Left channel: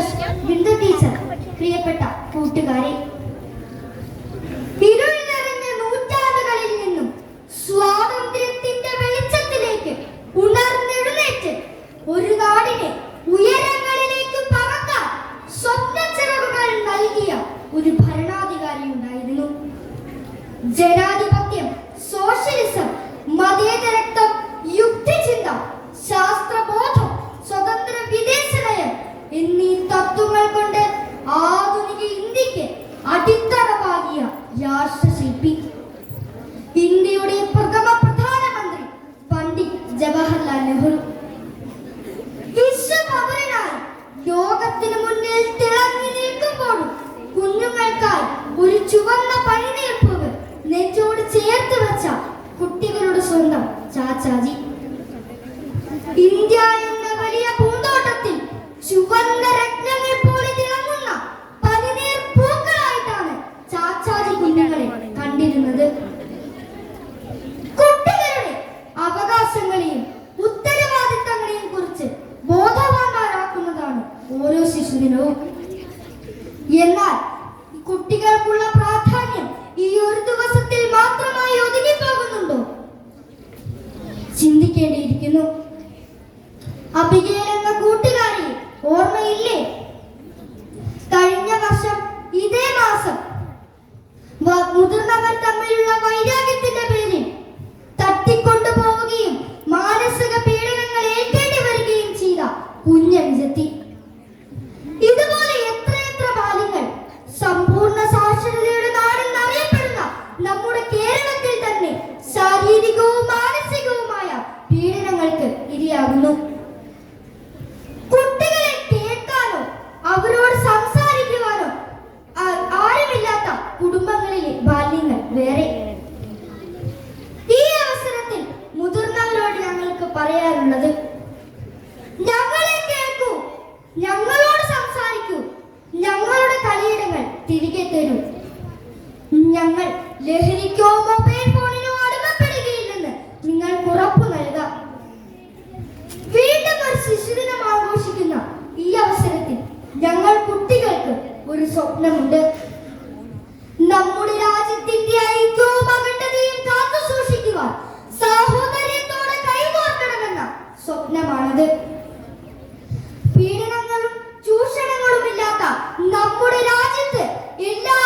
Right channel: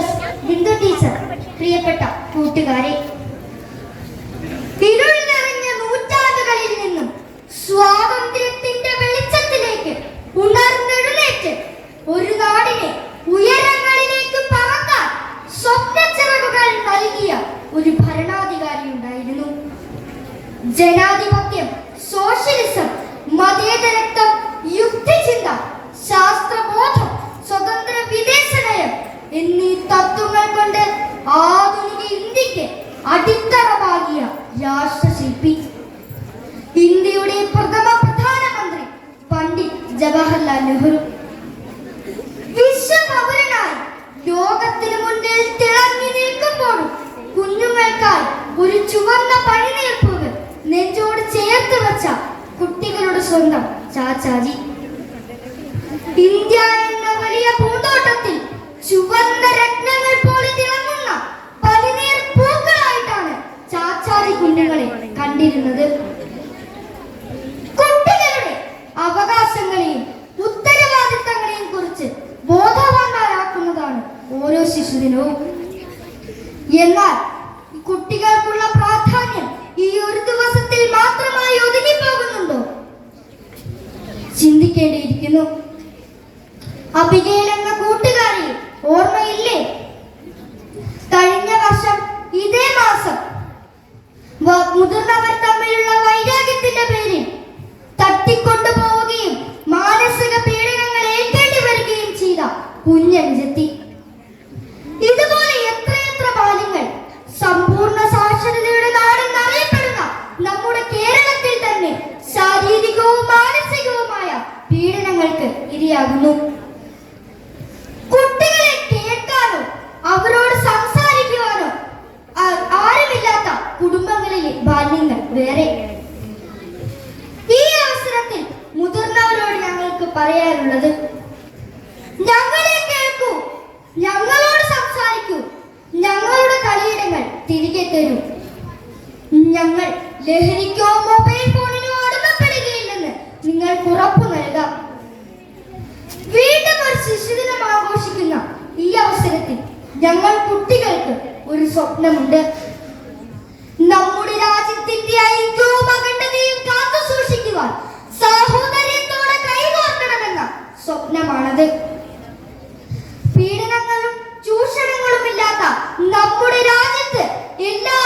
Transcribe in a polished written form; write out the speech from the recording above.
Teachers, Bindu teacher, പ്രിയപ്പെട്ട കൂട്ടുകാരെ, ഇരുൾ നിറഞ്ഞ നൂറ്റാണ്ടുകളിൽ നിന്നും സ്വാതന്ത്ര്യത്തിന്റെ വെളിച്ചത്തിലേക്ക് ഉണർന്നെഴുന്നേറ്റ് ഒരു നാടിനെ ഉയരങ്ങളിലേക്ക് പറക്കാൻ സ്വപ്നച്ചിറകുകൾ നൽകിയ ഒരു ഭരണാധികാരി ഉണ്ടായിരുന്നു. ജനാധിപത്യം, സോഷ്യലിസം, മതേതരത്വം, യുക്തിചിന്ത, ശാസ്ത്രബോധം, സ്വതന്ത്ര വിദേശ നയം എന്നീ തത്വങ്ങൾ കൊണ്ട് ആധുനിക ഇന്ത്യക്ക് അടിത്തറ പാകിയ രാഷ്ട്രശില്പി, ഇന്ത്യയുടെ പ്രഥമ പ്രധാനമന്ത്രി പണ്ഡിറ്റ് ജവഹർലാൽ നെഹ്റു. വിശ്വപൗരനായി ലോകത്തിന് മുന്നിൽ തിളങ്ങി നിൽക്കുമ്പോഴും കുഞ്ഞുങ്ങൾക്കായി ഒരു ചുവന്ന പണിനീർപ്പുകൾ നെഞ്ചോട് ചേർത്ത് വെച്ച കുട്ടികളുടെ സ്വന്തം ചാച്ചാജി. ഇന്ത്യ എന്ന വലിയ പൂന്തോട്ടത്തിൽ ചുവന്ന രത്നങ്ങൾ പോലെ തിളങ്ങുന്ന പനിനീർ പൂക്കളായിട്ടാണ് ചാച്ചാജി കുഞ്ഞുങ്ങളെ കണ്ടിരുന്നത്. കുട്ടികളുടെ അവകാശങ്ങളെയും ഉത്തരവാദിത്തങ്ങളെയും കുറിച്ച് ബോധവാന്മാരാക്കുന്നതാണ് ഓരോ ശിശുദിനവും. എന്നാൽ കുട്ടികൾക്കുള്ള പ്രാധാന്യം ഈ ഒരു ദിവസത്തിൽ മാത്രമായി ഒതുങ്ങിപ്പോകുന്നുണ്ടോ? ചിന്തിക്കേണ്ടിയിരിക്കുന്നു. അബിഗേൽ എന്ന കൂട്ടുകാരി ഓർമ്മയില്ലേ? കഴിഞ്ഞ വർഷം ഇതേ മാസം മുതിർന്നവർ തമ്മിലുള്ള വൈരാഗ്യത്തിന്റെ പേരിൽ തട്ടിക്കൊണ്ടുപോവുകയും മാനസിക പീഡനങ്ങൾ ഏൽക്കേണ്ടി വരികയും ചെയ്ത കുഞ്ഞനുജത്തി. ഇതുപോലെ എത്രയെത്ര ബാല്യങ്ങൾ സമ്പൂർണ്ണ സാക്ഷരതയുടെ നാടെന്നറിയപ്പെടുന്ന നമ്മുടെ കേരളത്തിൽ തന്നെ ശാരീരികവും മാനസികവുമായ പീഡനങ്ങൾക്ക് ഇരയാകുന്നു. കുട്ടികളെ കേൾക്കാനോ അവരോട് സംസാരിക്കുവാനോ ആരുമില്ലാത്ത കുടുംബങ്ങളിലെ ബാല്യങ്ങൾ വേറെ. ഈ അവസരത്തിൽ മുതിർന്നവരോട് ഞങ്ങൾക്ക് പറയാനുള്ളത്, ഞങ്ങളെ കേൾക്കൂ, ഞങ്ങളോട് സംസാരിക്കൂ, ഞങ്ങളുടെ കളിയിടങ്ങൾ തിരികെ തരൂ. ഞങ്ങൾ ലഹരിക്കോ മൊബൈൽ ഫോണിനോ അടിമപ്പെടുകയില്ലെന്ന് നിങ്ങൾക്ക് ഉറപ്പു നൽകാം. വീണ്ടും ഒരു ശിശുദിനം ആഘോഷിക്കുന്ന ഈ അവസരത്തിൽ ഞങ്ങൾ കുട്ടികൾക്ക് ഒരു സ്വപ്നമുണ്ട്. നമ്മുടെ രാജ്യത്തിന്റെ ഐക്യവും അഖണ്ഡതയും കാത്തു സൂക്ഷിക്കുവാൻ സാഹോദര്യത്തോടെ കൈകോർക്കണമെന്ന സ്വപ്നമാണത്. പീഡനങ്ങളും ചൂഷണങ്ങളും ഇല്ലാത്ത നമ്മുടെ രാജ്യത്ത് എല്ലാ